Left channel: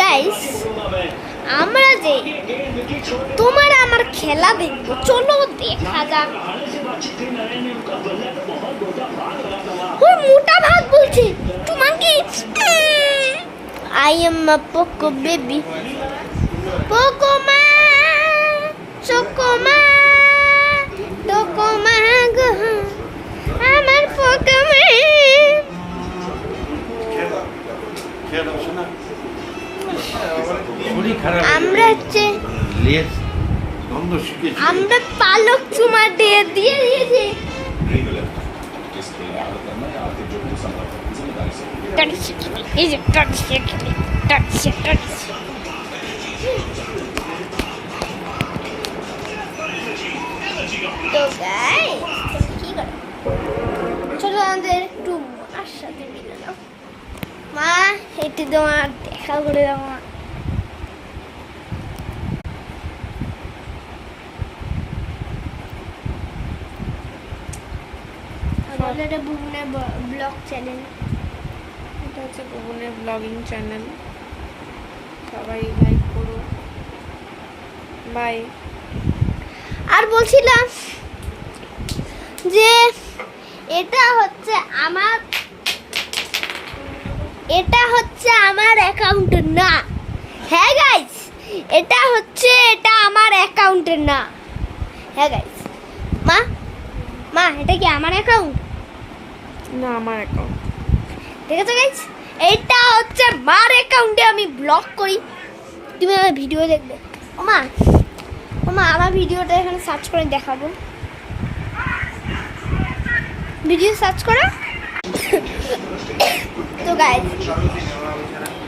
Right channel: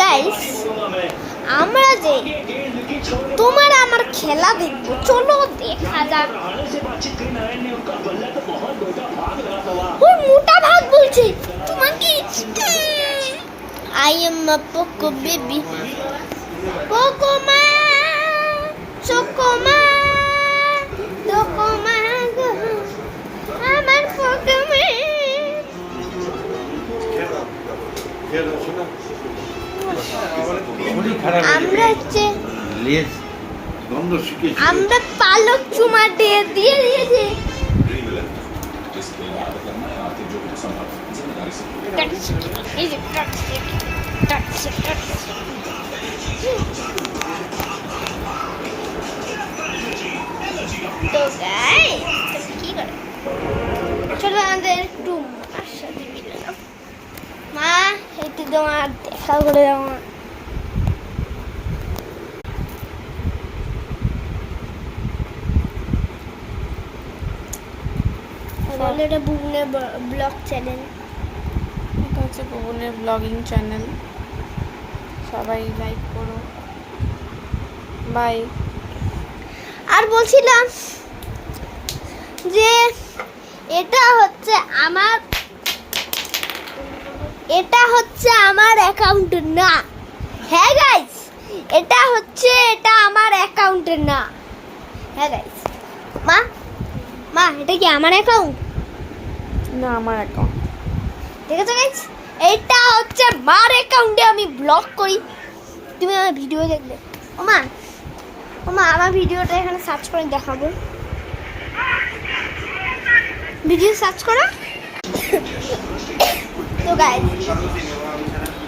Guys, আমরা যে তোমার আমার খেলা দেখবো, চলো দেখা যাক। ওই মোটা ভাগ বলছে তোমাকে। I am a Poco baby, Poco মা, চোকো মা, টোকো মা গো, আমার পোকো মা। আমরা হচ্ছে আমরা পালক চুমা দিয়ে দিয়েছি। তো গাইস, কি করে চলো আমাদের একটু মার সাথে মিলাম। মা, একটু তোমার দেখা করে দাও। মা, এটা বুবনের ব্লগ চ্যানেল, এটা হচ্ছে বুবনের ব্লগিং চ্যানেল। সবাই লাইক করো। বাই। আর বলছিলাম যে এটা হচ্ছে আমার অ্যাকাউন্ট না। হ্যাঁ গাইস, এটা আমার অ্যাকাউন্ট না। হ্যাঁ গাইস, মা এটা কি আমার অ্যাকাউন্ট না? আমার অ্যাকাউন্ট। ঠিক আছে গাইস, এটা হচ্ছে মার অ্যাকাউন্টে আমি ব্লগ করি। তুমি আমার ভিডিও দেখবে। ওমা আমার ভিডিওটা এখানে সার্চ করে দেখাবো। ভিডিও সার্চ করো। তো গাইস,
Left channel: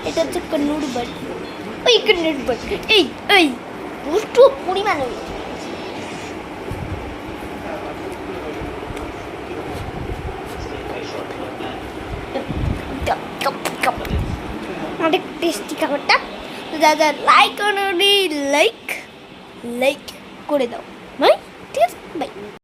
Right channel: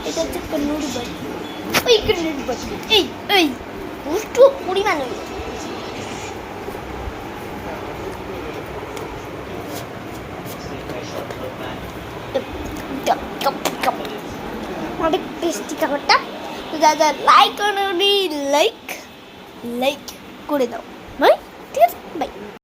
এটা হচ্ছে কন্নুর বাড়ি। ওই কন্নুর বাড়ি, এই দুষ্টু পরিমাণ। অনেক টেস্টি খাবারটা। তো যা লাইক করো, লাইক করে দাও। বাই, ঠিক আছে, বাই।